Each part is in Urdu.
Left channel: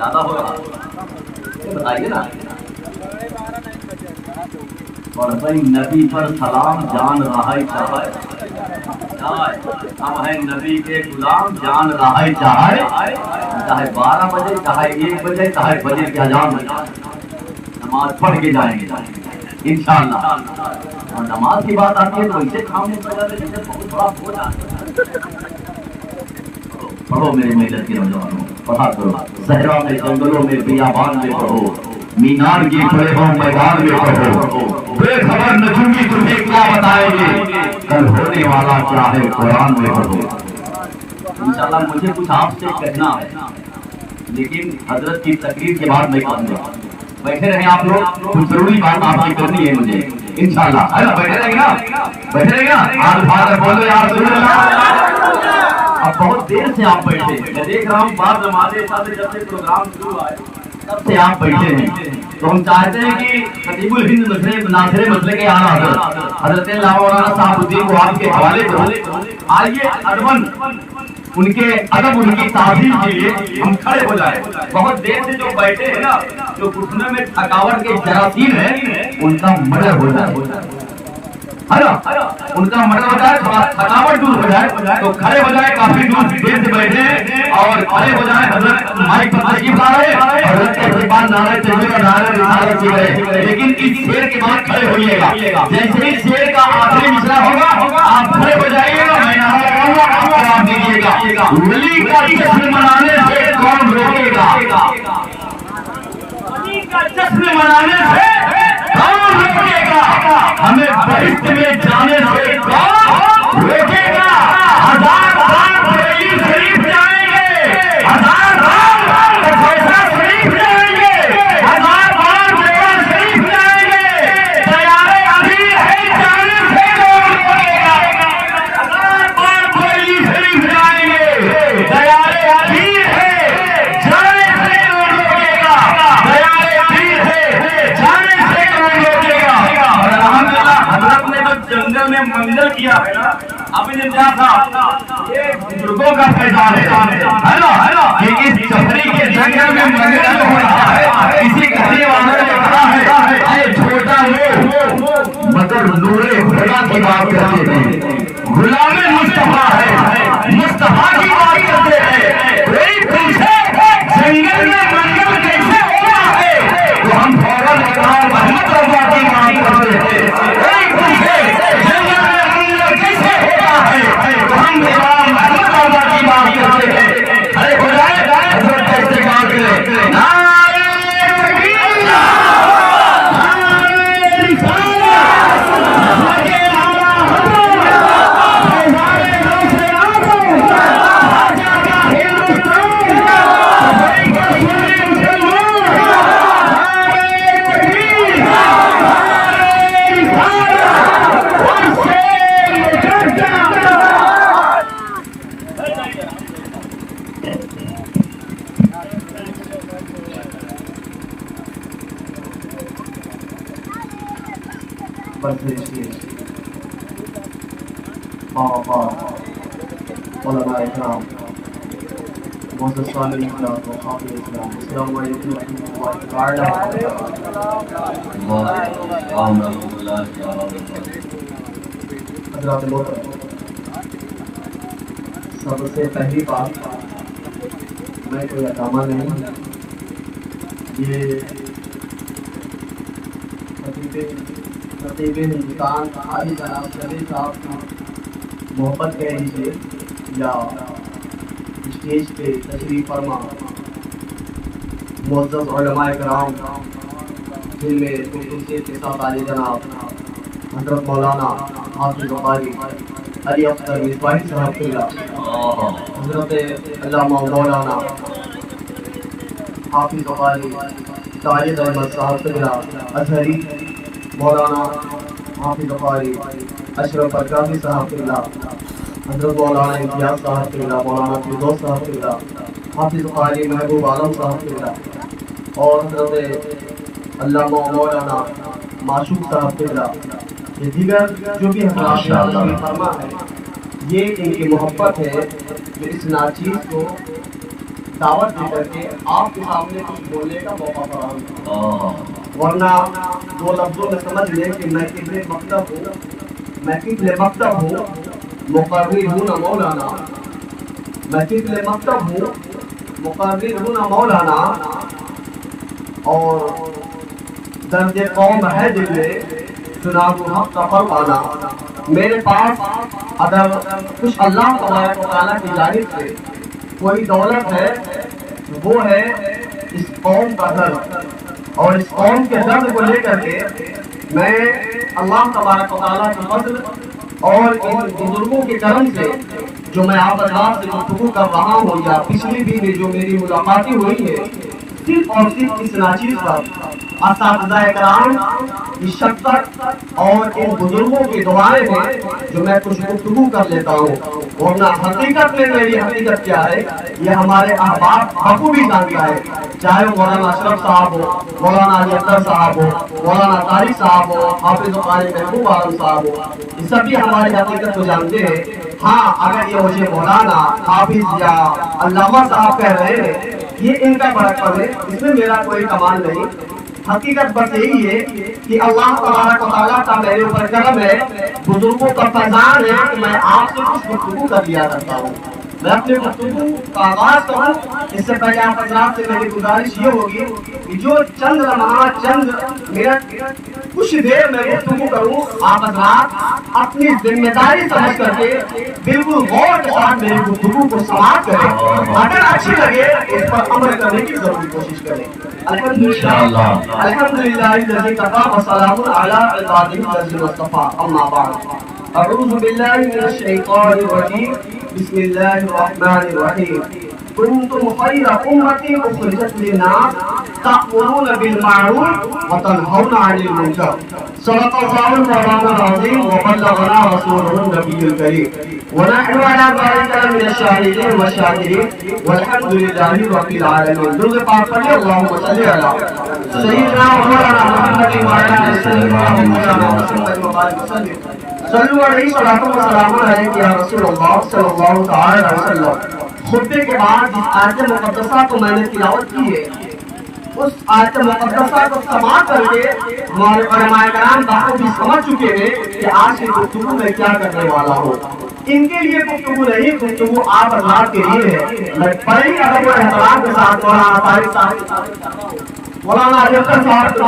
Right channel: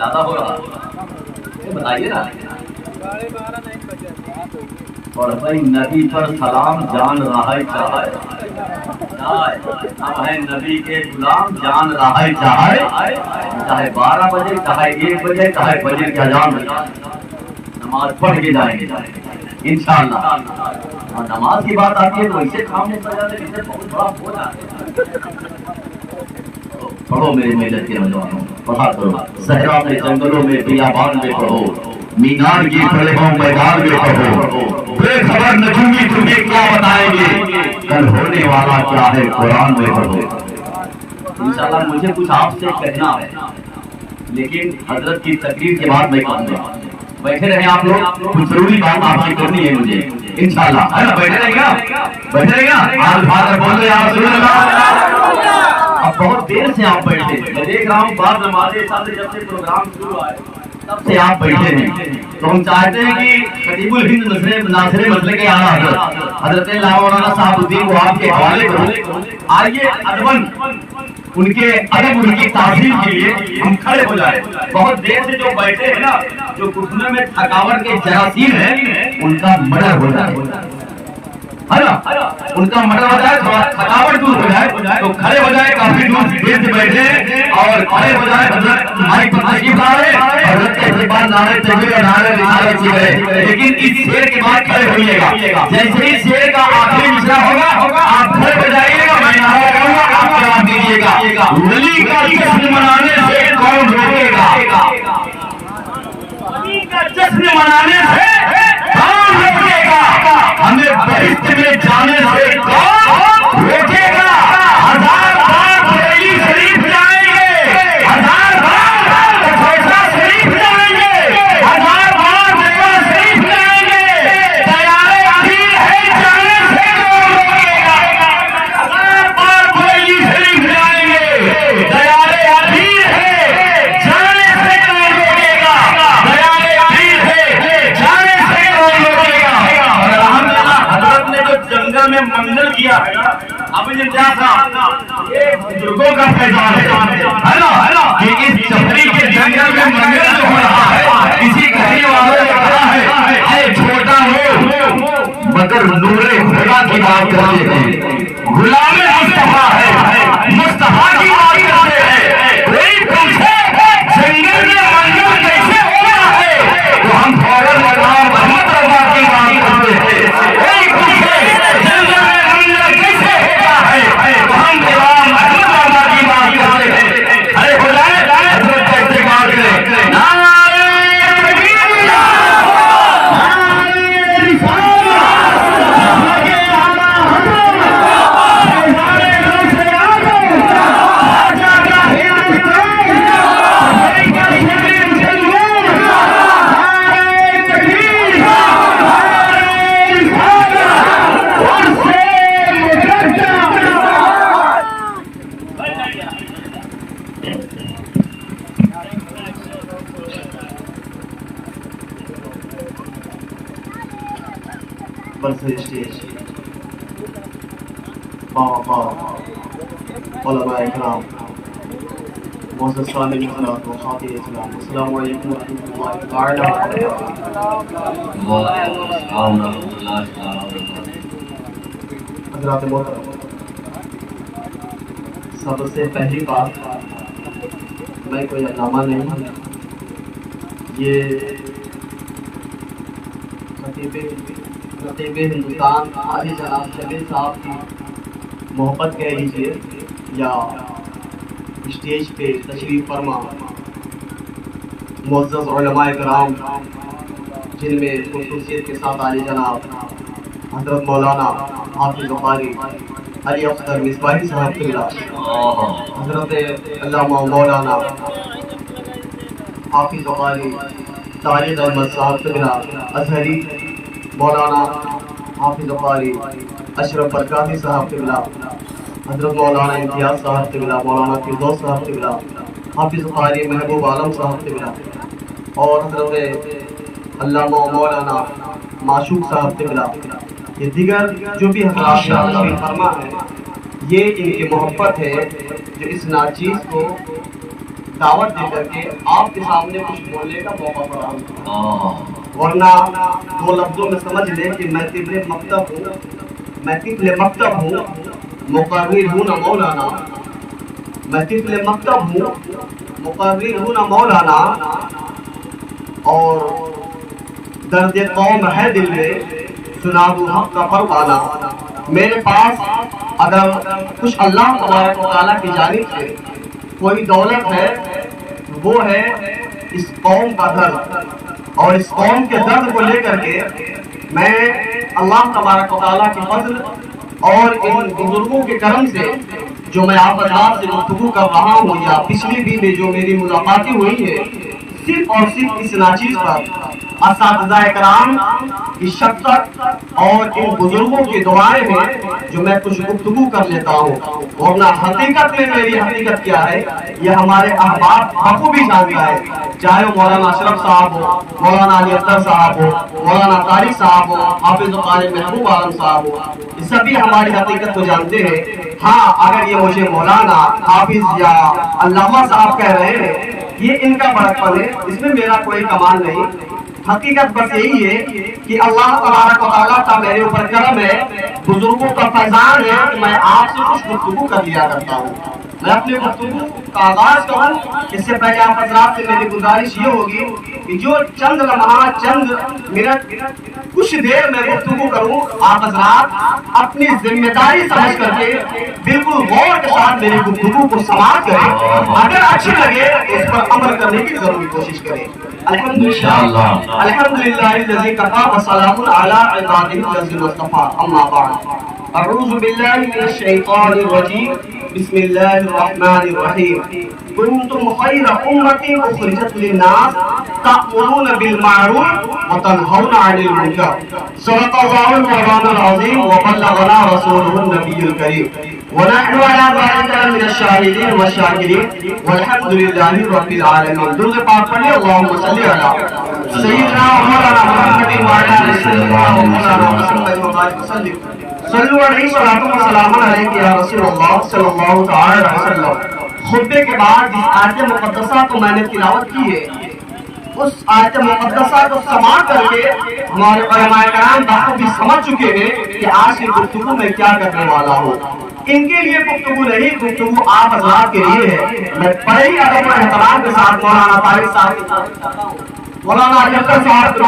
زیادہ ہو رہا بتائیے نا. اور بھائی نبی پر سلام جان رہا چاہے ہم ہیں نبی کے غلام جان رہا چاہے 12 بجے چاہے 1 بجے چاہے فجر کی اذان نماز پڑھ کے جائیں گے انشاءاللہ. اور نماز کی بات آتی ہے تو اسے کام نہیں پڑ جاتے جسے بہت بڑا ہو جاتا ہے. پڑھو میرے ملت کے نوجوانوں پڑھا کرو. صحرا میں جنگلوں میں بیابان میں پڑھو مینار کی کھڑے ہوں میدان میں پڑھو. بے خبر نجومی تمہیں کیا بتائیں گے کل ہونے والا کیا ہے قرآن میں پڑھو. انشاءاللہ مجھے کچھ آپ سے کہنا ہے لیکن حضرت کی تقریر کے بعد میں کہوں گا. بیٹھے رہیں آپ لوگ کچھ ضروری بات آپ سے کرنی ہے مجھے انشاءاللہ. ہے نا بیٹھے رہیں گا بیٹھے رہیں گا. آج فادر بول رہے آپ سن لگا. اب بہت دیر سے آپ بیٹھے میں دیکھ رہا ہوں بعد نمازیں ساتھ جب سے پروگرام شروع ہوا ہے تب سے آپ بیٹھے ہیں. تو ہم چاہتے ہیں کہ خطیب الہند ناصر مسئلے کے اعلیٰ حضرت مولانا صاحب الدین کو آپ کے حوالے کرو. آئیے ادباً ان کے ادب ان کی تعظیم کے لیے ہم کھڑے ہو جائیں. بہت دیر سے جو بیٹھے ہیں نا جو گھٹنے میں تھکاوٹ کے جراثیم ہیں ان کا مڈر ہو جائے ہے نا. ان کا مڈر ہو جائے تھوڑا تھکاوٹ دور ہو جائے تو کھڑے ہو جائے. کافی دیر سے بیٹھے اور کھڑے ہو جائے. حضرت مائک پر تشریف لا رہے حضرت کے زبان نعرہ تکبیر اور نعرہ رسالت کی رہے لیکن اس شعر کے بعد کھڑے ہوئیے گا. جیسے ہی شعر کا آخری مصرع ہوگا آپ کھڑے ہو جائیے گا. میں نعرہ کروں گا آپ جواب دیجیے گا. ولی کا جشن منانے سے کون روکے گا. ولی کا جشن منانے سے کون روکے گا. ہمیں بہشت میں جانے سے کون روکے گا. 1000 بار بریلی شریف جائیں گے 1000 بار فیصلہ شریف جائیں گے 1000 بار مکہ شریف جائیں گے. تیارے ابھی ہے جانے سے کون روکے گا. 1000 بار بریلی شریف جائیں گے تیارے ابھی ہے جانے سے کون روکے گا. تیارے ابھی ہے جانے سے کون روکے گا. اور الحمدللہ حضرت نے جو جنگل میں منزل کیا ہے نا ابھی نے کیا تھا یہ بزرگوں کا فیضان ہے نا کہ اس سفری کے جنگل میں منزل ہو رہا ہے. کسی کسی والا کہا ہے اے چھوٹا لو مگر نور خدا کی بات کرتے ہیں. غلام مصطفیٰ ہے مصطفیٰ کی بات کرتے ہیں. کوئی پوچھے جنگل میں منزل کیسے ہونا ہے تو ہم فوراً غلام محمد رضا کی بات کرتے ہیں. کوئی پوچھے جنگل میں منزل کیسے ہوتا ہے تو ہم غلام محمد رضا کی بات کرتے ہیں. ارے ہو جائے حضرت کا استقبال کریں. نعرہ تکبیر نعرہ رسالت علماء اکرام معزز سامعین حضرات و خاطر اسلام السلام علیکم ورحمۃ اللہ حضرات محترم. سب سے پہلی بات میں کوئی علامہ نہیں ہوں. یہ خطیب ہندوستان حاجی جناب جمیل صاحب کی محبت کہہ لیجیے یا اسٹیج پہ تشریف فرما معزز علماء کرام جن میں خصوصیت کے ساتھ عالی جناب حضرت مولانا حافظ قاری علی اختر مصباحی صاحب قبلہ حضرت علامہ مولانا حافظ قاری طارق احمد صاحب قبلہ ازہری مولانا حافظ قاری اشرف برکاتی صاحب قبلہ حضرت مولانا امتیاز صاحب قبلہ مولانا فردوس صاحب قبلہ حافظ قاری محبوب عالم صاحب قبلہ اور حضرت علامہ مولانا معشوق صاحب قبلہ. یہ دیگر جو بھی حضرات فرما ہے یہ ان کی محبت ہے جو اس ناچیز کو دعوت دے کر کے آپ کے سامنے کچھ بولنے کا موقع فراہم، ورنہ دو لفظوں میں سمجھ لیں کہ میں طفل مکتب ہوں، مقرر ہوں نہ مولانا، میں طفل مکتب ہوں، مقرر ہوں نہ مولانا، اور درد قوم ہے دل میں، سنا دوں حق کا پروانہ۔ میرے پاس اگر کچھ اللہ تبارک و تعالیٰ کی جانب سے کوئی دولت ہے، وہ ہے اس قوم کا درد، اور اس قوم کے درد کو لے کر کے میں اللہ تبارک و تعالیٰ کی فضل اور ان بزرگوں کے کرم سے جو میں آپ حضرات سے گفتگو کر رہا ہوں، یا پچھلی بھی میں جو میری ملاقاتیں ہوئی ہے، صرف اور صرف اس ناچیز پر اساتذہ کرام کی شفقت اور ان بزرگوں کی دعائیں ہیں جو میں کچھ گفتگو کر لیتا ہوں، ورنہ حقیقت میں میری حقیقت کیا ہے یہ ہمارے احباب بخوبی جانتا ہے، چاہے مولانا اشرف صاحب ہو، مولانا علی اختر صاحب ہو، مولانا طارق صاحب ہو، حافظ قاری محبوب عالم صاحب ہو، یہ سبھی ہماری حقیقت کو جانتے ہیں۔ ہاں، اگر یہ مجھے مولانا، حافظ یا علامہ صاحب کہہ رہے ہیں، یہ ان کا بڑکپن ہے، اس میں میرا کوئی کمال نہیں۔ حقیقت بس یہی ہے کہ اللہ تبارک و تعالیٰ کا میرے اوپر کرم ہے، بزرگوں کا فیضان ہے کہ میں آپ سے کچھ گفتگو کر لیا کرتا ہوں۔ میں اپنے گفتگو کا آغاز کروں اس سے پہلے آپ حضرات سے میری گزارش یہ ہوگی کہ جو چند لمحات، چند منٹ، کچھ دیر میں گفتگو کروں، آپ حضرات اپنی ذمہ داری سمجھ کر کے بالکل غور کے ساتھ میری گفتگو کو سماعت کریں، اگر اچھی لگے اس پر عمل کرنے کی ضروری کوشش کریں۔ الحمدللہ الذی کفا وسلام علی عبادہ الذین اصطفى، اما بعد، اعوذ باللہ من الشیطان الرجیم، بسم اللہ الرحمن الرحیم، کنتم خیر امۃ اخرجت للناس تأمرون بالمعروف وتنہون عن المنکر، صدق اللہ مولانا العظیم وبلغنا رسولہ النبی الکریم، ونحن على ذلك من الشاهدين والشاكرين والحمد لله رب العالمين۔ درود پاک پڑھیے، اللهم صل علی سیدنا مولانا محمد وعلى آلہ سیدنا مولانا محمد وسلم، صلو علیہ وسلم علیہ یا رسول اللہ صلی اللہ تعالی علیہ وسلم۔ خطبے کے بعد جس آیت مقدسہ کو میں نے تلاوت کی ہے، اس آیت مقدسہ کو سماعت کر کے ہمارے علماء کرام بخوبی سمجھ چکے ہیں کہ آج کی گفتگو میں کیا کرنے والا ہوں۔ ان کے لیے گفتگو نہیں، گفتگو آپ حضرات کے لیے ہے۔ میں بڑے ہی ادب و احترام کے ساتھ مولانا طارق صاحب کی تعریف کرتا ہوں، مولانا علی اختر صاحب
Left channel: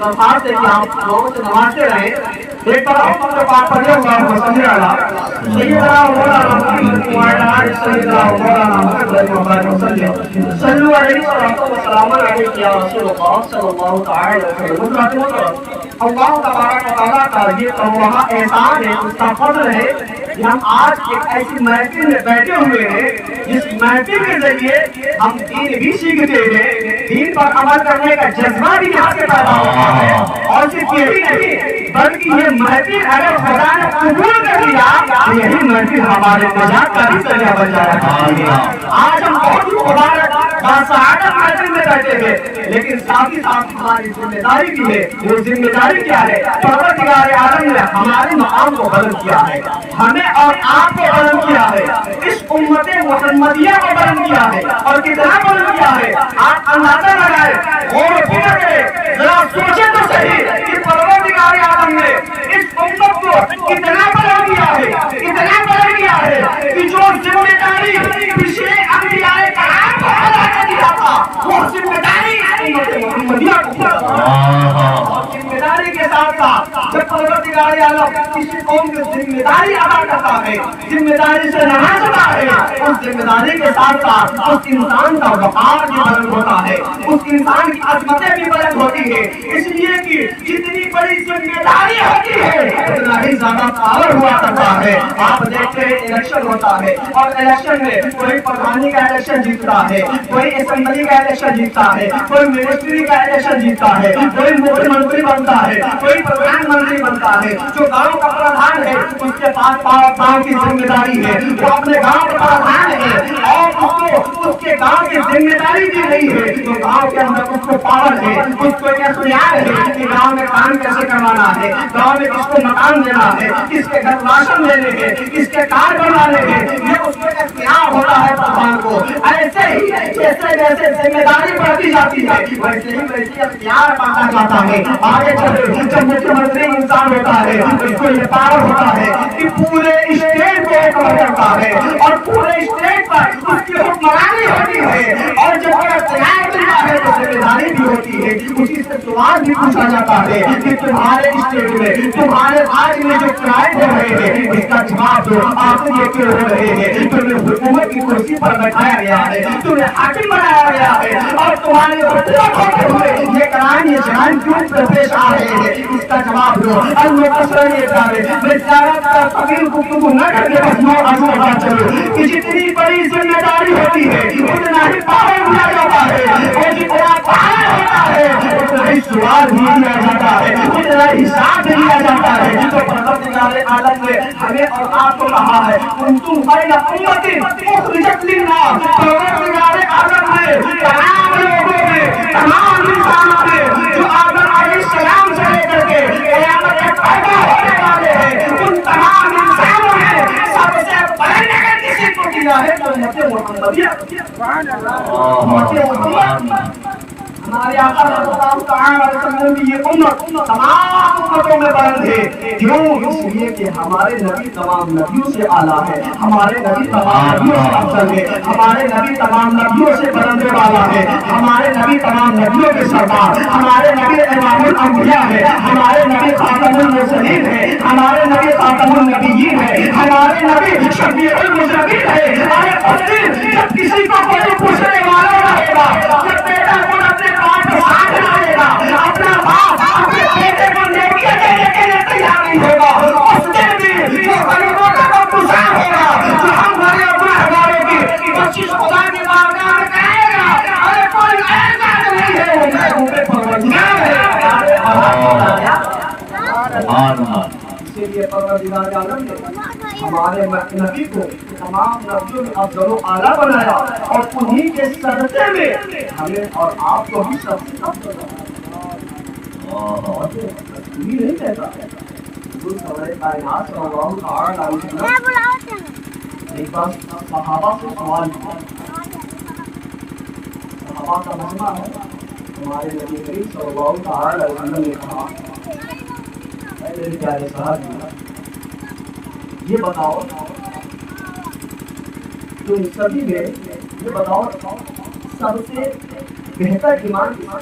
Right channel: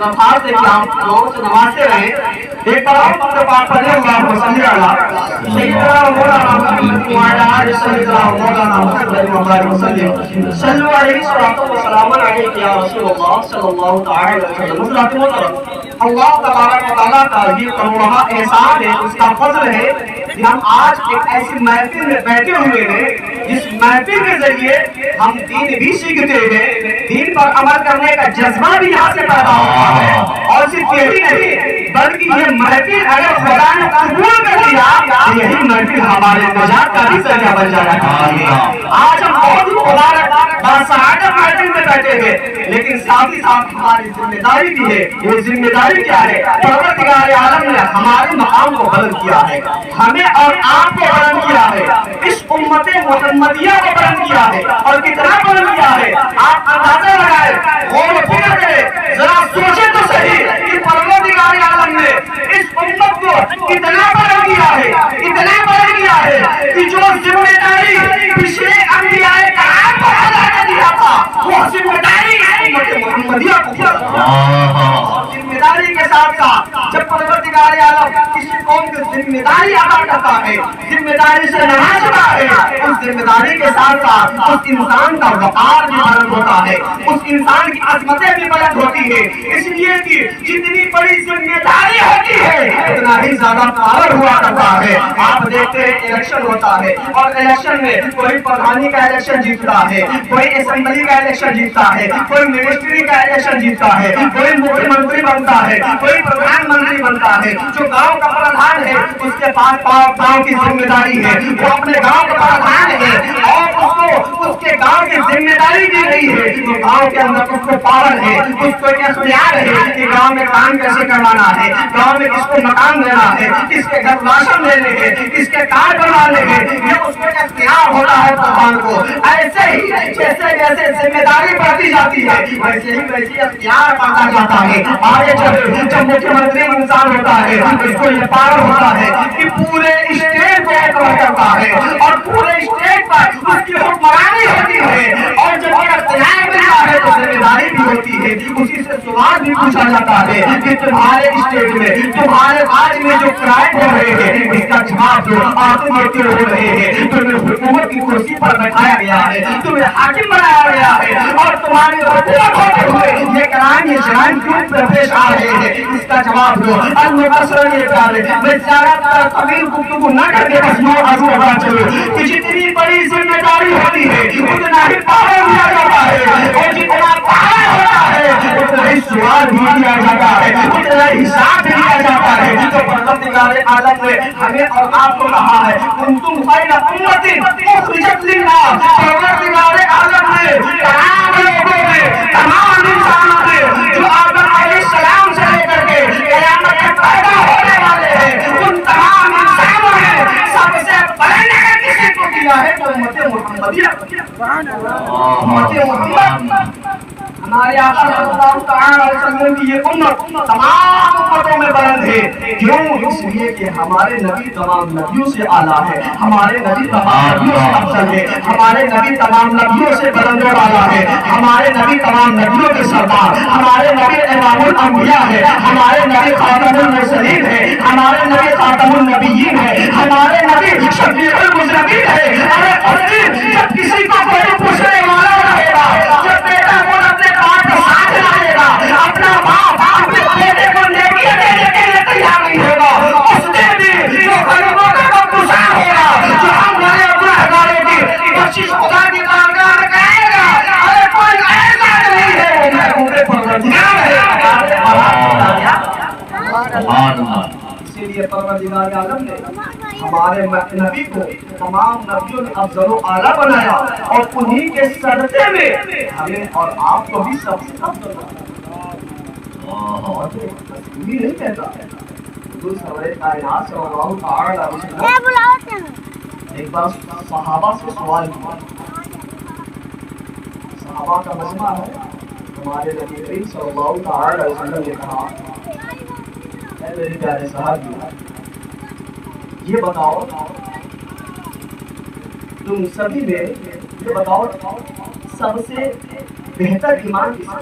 درخواست ہے کہ آپ لوگوں سے نوازتے رہیں۔ ایک بار آپ اپنے پاک پڑھیں، اللہم صلی علی سیدنا مولانا محمد وعلی آلہ سیدنا مولانا محمد وسلم، صلو علیہ وسلم علیہ یا رسول اللہ صلی اللہ تعالی علیہ وسلم۔ اللہ تبارک و تعالیٰ کا یہ تمہارا احسان ہے، اس کا فضل ہے کہ ہم آج ایک ایسی محفل میں بیٹھے ہوئے ہیں جس محفل کے ذریعے ہم دین بھی سیکھتے ہیں، دین پر عمل کرنے کا جذبہ بھی یہاں سے پیدا ہوتا ہے۔ اور صرف یہی نہیں بلکہ یہ محفل اگر خدا نے قبول کر لیا تو یہی محفل ہمارے نجات کا بھی ذریعہ بن جایا کرتی ہے۔ آج ہم بہت مبارک باسعادت محفل میں بیٹھے ہیں، لیکن ساتھ ہی ساتھ ہماری ذمہ داری بھی ہے۔ وہ ذمہ داری کیا ہے؟ پروردگار عالم نے ہمارے مقام کو بلند کیا ہے، ہمیں اور آپ کو بلند کیا ہے، اس امت محمدیہ کو بلند کیا ہے، اور کتنا بلند کیا ہے آپ اندازہ لگائیں، غور و فکر کریں، ذرا سوچیں تو صحیح کہ پروردگار عالم نے اس امت کو کتنا بلند کیا ہے، اتنا بلند کیا ہے کہ جو ذمہ داری پچھلے انبیاء کرام کو ادا کر دیا تھا، وہ ذمہ داری امت محمدیہ کو دیا تھا۔ ذمہ داری کے ساتھ ساتھ جب پروردگار عالم کسی قوم کی ذمہ داری ادا کرتا ہے، ذمہ داری سے نوازتا ہے، اس ذمہ داری کے ساتھ ساتھ اس انسان کا وقار بھی بلند ہوتا ہے، اس انسان کی عظمتیں بھی بلند ہوتی ہے، اس لیے کہ جتنی بڑی ذمہ داری ہوتی ہے اتنا ہی زیادہ پاور ہوا کرتا ہے۔ آپ دیکھتے ہیں الیکشن ہوتا ہے، اور الیکشن میں کوئی پردھانی کا الیکشن جیتتا ہے، کوئی اسمبلی کا الیکشن جیتتا ہے، کوئی منسٹری کا الیکشن جیتتا ہے، کوئی مکھیہ منتری بنتا ہے، کوئی پردھان منتری بنتا ہے۔ جو گاؤں کا پردھان ہے اس کے پاس گاؤں کی ذمہ داری ہے، وہ اپنے گاؤں کا پردھان ہے اور اس کو اس کے گاؤں کی ذمہ داری دی گئی ہے، تو گاؤں کے کے اندر اس کو پاور ہے، اس کو اختیار ہے کہ گاؤں میں کام کیسے کروانا ہے، گاؤں میں کس کو مکان دینا ہے، کس کے گھر راشن دینے ہیں، کس کے کارڈ بنانے ہیں، یہ اس کو اختیار ہوتا ہے پردھان کو۔ ایسے ہی جیسے جیسے ذمہ داری بڑھتی جاتی ہے ویسے ہی ویسے اختیار بڑھتا جاتا ہے۔ آگے چلے جب مکھیہ منتری انسان ہوتا ہے اس کو یہ پاور ہوتا ہے کہ پورے اسٹیٹ کو کنٹرول کرتا ہے اور پورے اسٹیٹ پر اس کی حکمرانی ہوتی ہے، اور جب یہ اختیار ملتا ہے تو ذمہ داری بھی ہوتی ہے، اسی سے سوال بھی پوچھا جاتا ہے کہ تمہارے اسٹیٹ میں تمہارے راج میں جو کرائم ہو رہے ہیں اس کا جواب دو، آخر یہ کیوں ہو رہے ہیں؟ تمہیں حکومت کی کرسی پر بٹھایا گیا ہے، تمہیں حاکم بنایا گیا ہے، اور تمہاری حکومت ہوتے ہوئے یہ کرائم یہ جرائم کیوں پیش آ رہے ہیں؟ اس کا جواب دو۔ المقصر یہ ڈالے میں زیادہ طویل گفتگو نہ کر کے بس میں آگے بڑھا چلوں کہ جتنی بڑی ذمہ داری ہوتی ہے اتنا ہی پاور دیا جاتا ہے، اور جتنا پاور ہوتا ہے اتنا ہی سوال بھی دیا جاتا ہے، اتنا ہی حساب بھی دیا جاتا ہے۔ تو پروردگار عالم نے ہمیں اور آپ کو کہا ہے کنتم خیر امۃ اخرجت للناس، پروردگار عالم نے تمام لوگوں میں تمام انسانوں میں جو آدم علیہ السلام سے لے کر کے قیامت تک پیدا ہونے والے ہیں ان تمام انسانوں میں سب سے بلند اگر کسی کو کیا ہے تو امت محمدیہ۔ امت محمد ہمارے آقا صلی اللہ تعالیٰ علیہ وسلم کی یہ امت تمام امتوں میں بلند ہے۔ کیوں؟ اس لیے کہ ہمارے نبی تمام نبیوں سے اعلیٰ ہے، ہمارے نبی تمام نبیوں سے افضل ہے، ہمارے نبی تمام نبیوں سے بلند و بالا ہے، ہمارے نبی تمام نبیوں کے سردار، ہمارے نبی امام الانبیاء ہے، ہمارے نبی خاتم المرسلین ہے، ہمارے نبی خاتم النبیین ہے، ہمارے نبی شفیع المذنبین ہے۔ ارے جب کسی کو کوئی پوچھنے والا رہے گا، جب بیٹا کو اپنے باپ کو ساتھ لائے گا، اپنا باپ اپنے بیٹے کو نیکیاں دینے کے لیے تیار نہیں ہوگا، اس دن بھی جو غریبوں کا نقصان ہوگا، جو ہم بڑے گنہگاروں کی بخشش خدا کی بارگاہ میں کرے گا، ارے کوئی ایسا نہیں ہے میں پورے پروردگار ہے۔ اسی لیے پروردگار عالم نے ہمارے نبی کو تمام نبیوں میں افضل و اعلیٰ بنایا، اور انہی کے صدقے میں ہمیں اور آپ کو بھی سب سے افضل یہ نہیں کہتا حضور کائنات صلی اللہ تعالیٰ علیہ وسلم ایک بار صحابہ سے سوال کیا، صحابہ کا مجمع ہے، ہمارے نبی کریم صلی اللہ تعالیٰ علیہ وسلم نے کہا اے میرے پیارے صحابی یہ بتاؤ تم سبھی میں یہ بتاؤ سب سے بہتر ایمان کس کا؟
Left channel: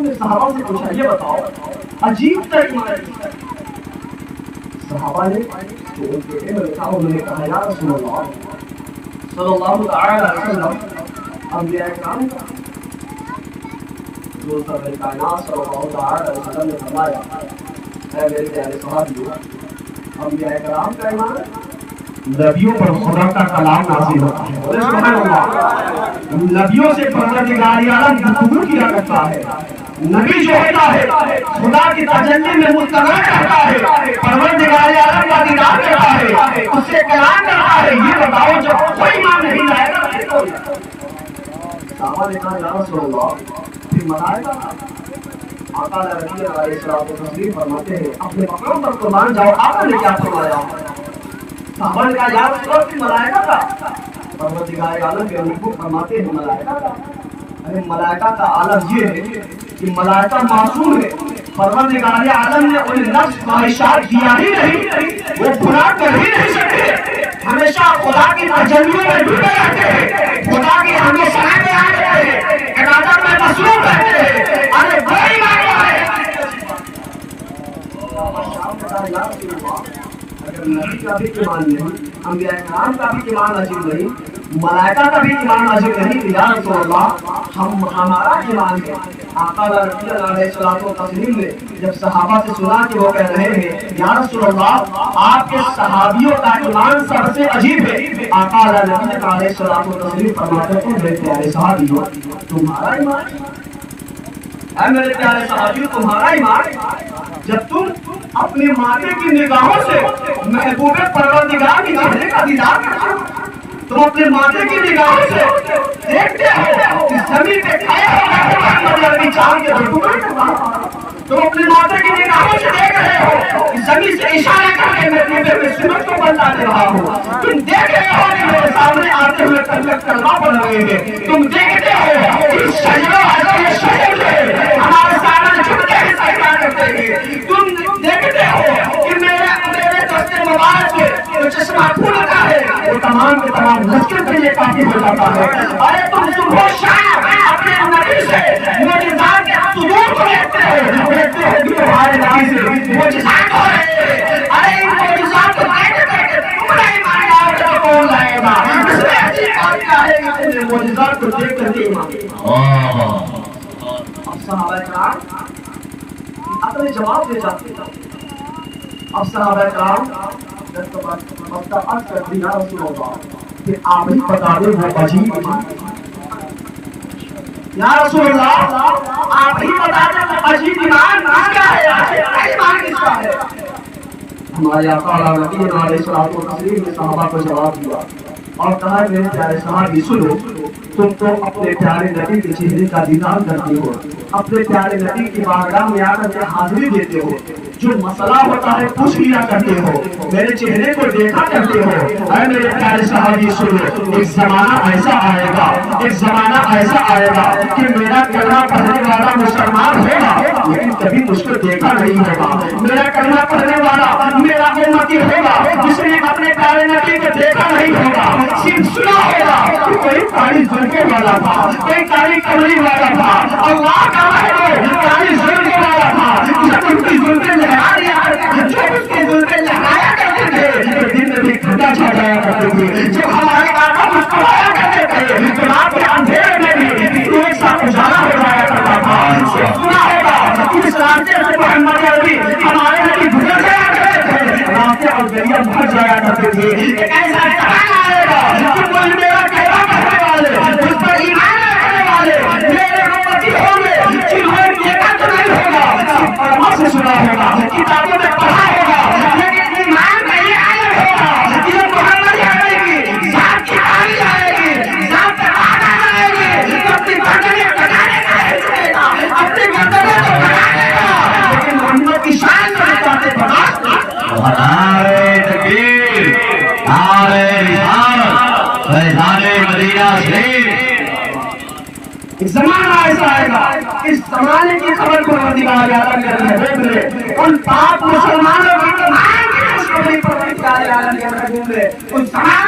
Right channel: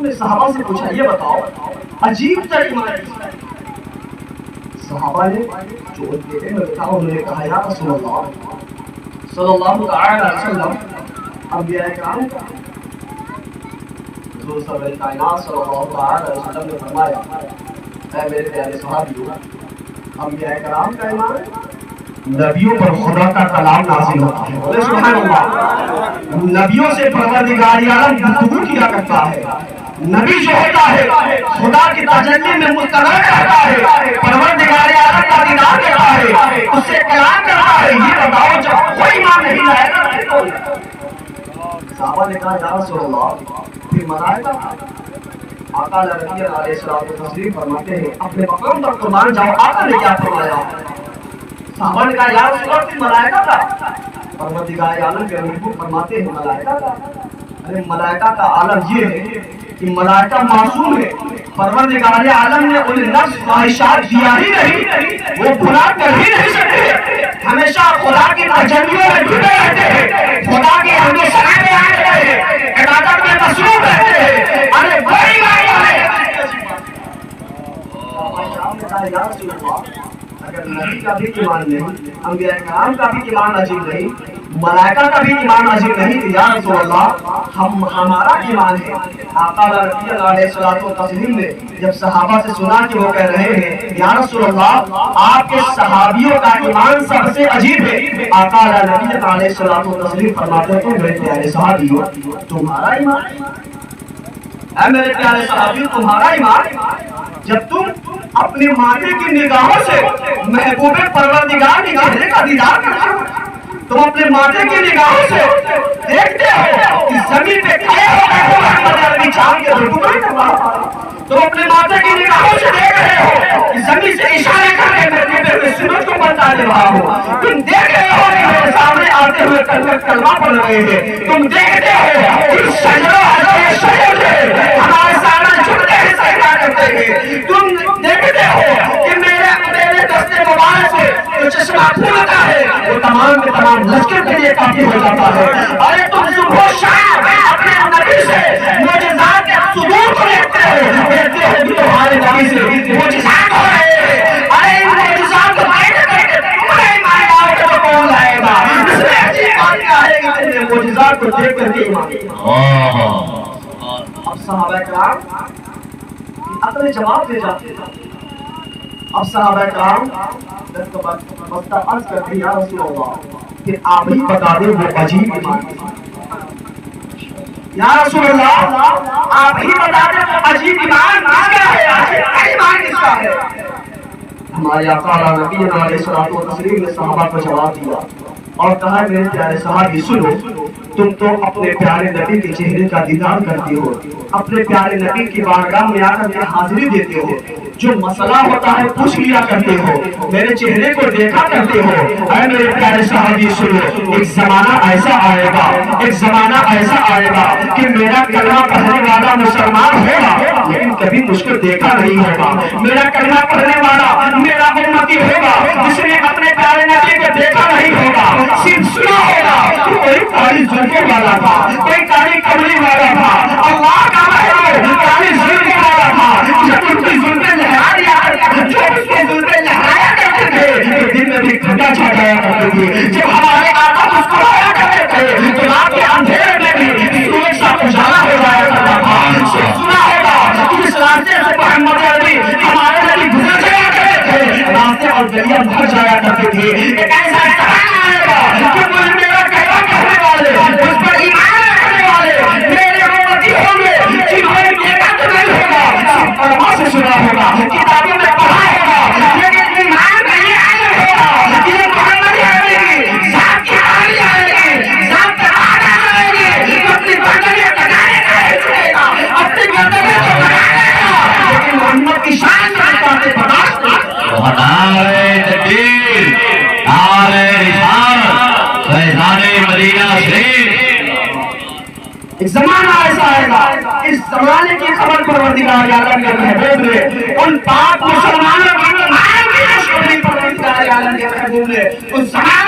نے صحابہ سے پوچھا یہ بتاؤ عجیب تر ایمان کس کا؟ صحابہ نے جو انہوں نے کہا یا رسول اللہ صلی اللہ علیہ وسلم انبیاء کرام کا۔ حضور صلی کائنات صلی اللہ علیہ وسلم نے فرمایا اے میرے پیارے صحابیو انبیاء کرام کا ایمان ہے نبیوں پر خدا کا کلام نازل ہوتا ہے، بولے سبحان اللہ، نبیوں سے پروردگار عالم گفتگو کیا کرتا ہے، نبی جو ہوتا ہے خدا کی تجلی میں مستقر رہتا ہے، پروردگار عالم کا دیدار کرتا ہے، اس سے کلام کرتا ہے۔ یہ بتاؤ جب کوئی ایمان نہیں لائے گا صحابہ نے کہا یا رسول اللہ پھر ملائکہ آقا علیہ الصلوۃ والتسلیم فرماتے ہیں اپنے مقام پر قربان جاؤ، آقا نے کیا فرمایا؟ صحابہ نے کہا یا رسول اللہ پھر ملائکہ کا؟ پروردگار عالم کے نبی فرماتے ہیں ملائکہ کا؟ ارے ملائکہ کا عالم یہ ہے کہ ملائکہ معصوم ہے، پروردگار عالم نے انہیں نفس خواہشات دیا ہی نہیں، وہ گناہ کر ہی نہیں سکتے، ہمیشہ خدا کی تجلیوں میں ڈوبے رہتے ہیں، خدا کے ہمیشہ آگے آ رہے ہیں، عبادت میں مصروف رہتے ہیں۔ ارے بڑی بات ہے یا رسول اللہ اگر نبی کا بھی ایمان نہیں، انبیاء کرام کا بھی ایمان عجیب نہیں، ملائکہ کا بھی ایمان عجیب نہیں، یا رسول اللہ ہمارا ایمان ہے۔ آقا علیہ الصلوۃ والتسلیم نے جب صحابہ سے سنا کہ وہ کہہ رہے ہیں یا رسول اللہ آپ کے صحابیوں کا ایمان سب سے عجیب ہے، آقا علیہ الصلوۃ والتسلیم فرماتے ہیں میرے پیارے صحابیوں تمہارا ایمان، اے میرے پیارے صحابیوں تمہارا ایمان جب تم اپنی ماتے کی نگاہوں سے محبوب پروردگار کے چہرے کا دیدار کرتے ہو، تم اپنے ماتے کی نگاہوں سے دیکھتے ہو کہ کی چاند کے ٹکڑے تم اپنے ماتھے کی نگاہوں سے دیکھ رہے ہو کہ زمین سے اشارہ کر کے میں سنت کو بتا دے رہا ہوں. تم دیکھ رہے ہو کہ میرے سامنے آتے ہوئے کلمہ پڑھ رہے ہیں. تم دیکھتے ہو کہ سجدہ حضرت شریف سے ہمارے سامنے جھکتے ہیں سجدہ کرتے ہیں. تم دیکھتے ہو کہ میرے دستے مبارک سے جو چشمہ کھلتا ہے وہ تمام کے تمام لشکر کے لیے کافی ہو جاتا ہے. ارے تم صبح شام اپنے نبی سے معجزات کے صدور کو دیکھتے ہو کہ تمہارے نبی سے معجزات ہو رہے ہیں. ارے ان معجزات کو دیکھتے تم نہیں مان جاؤ گے تو کون لائے گا؟ اس میں اچھی بات کیا ہے کہ تم نے معجزات کو دیکھ کر کے اب صحابہ کرام اپنے جواب دے جاتے ہیں. اب صحابہ کرام بستہ عرض کرتے یا رسول اللہ کہ آپ ہی بتا دیں وہ عجیب یا رسول اللہ آپ ہی بتا دیں وہ عجیب ایمان کس کا ہے؟ ایمان کس کا ہے؟ ہمارے آقا نبی علیہ الصلوۃ والتسلیم نے صحابہ کو جواب دیا اور کہا میرے پیارے صحابی سنو تم تو اپنے پیارے نبی کے چہرے کا دیدار کرتے ہو اپنے پیارے نبی کی بارگاہ میں آ کر کے حاضری دیتے ہو جو مسئلہ ہوتا ہے پوچھ لیا کرتے ہو میرے چہرے کو دیکھا کرتے ہو. اے میرے پیارے صحابی سنو ایک زمانہ ایسا آئے گا کہ میرا کلمہ پڑھنے والا مسلمان ہوگا لیکن کبھی مجھ کو دیکھا نہیں ہوگا. میرا کلمہ پڑھنے والا میرا امتی ہوگا جس نے اپنے پیارے نبی کو دیکھا نہیں ہوگا صرف سنا ہوگا کہ کوئی کالی زلفوں والا تھا کوئی کالی کملی والا تھا اللہ کا محبوب کالی زلفوں والا تھا جب ان کی زلفیں لہرا دیا کرتے جو اس کی زلفیں لہرایا کرتے تھے تو دل میں بھی ٹھنڈا چھا جایا کرتے تھے. جب ہمارے آقا مسکرایا کرتے تھے تو رات کے اندھیرے میں بھی سورج سا اجالا ہو جایا کرتا تھا. سنا ہوگا کہ اس راستے سے محمد عربی ہمارے نبی گزر جایا کرتے تھے راستے اور گلیاں بھر جایا کرتے تھے. ایک ایسا زمانہ آئے گا کہ کوئی میرا کلمہ پڑھنے والے اس پر ایمان رکھنے والے میرے امتی ہوں گے جنہوں نے دیکھا تو نہیں ہوگا صرف کلمہ سے سنا ہوگا کتابوں میں پڑھا ہوگا لیکن ایمان کا یہ عالم ہوگا کہ محمد عربی کی ذات کی آئی آئے گی ذات کا آنا آئے گی تو اپنی گردنیں بنانے کا ہے چکے گا اپنی گردنیں تو بنانے گا لیکن محمد کی شان میں باتیں برداشت نعرہ تکبیر نعرہ رسالت فیضان مدینہ شریف. ایک زمانہ ایسا آئے گا اس زمانے کی خبر پروردگار عالم کے محبوب نے ان پاک مسلمانوں کی تمام کی خوشخبری پروردگار عالم کے محبوب نے اس زمانے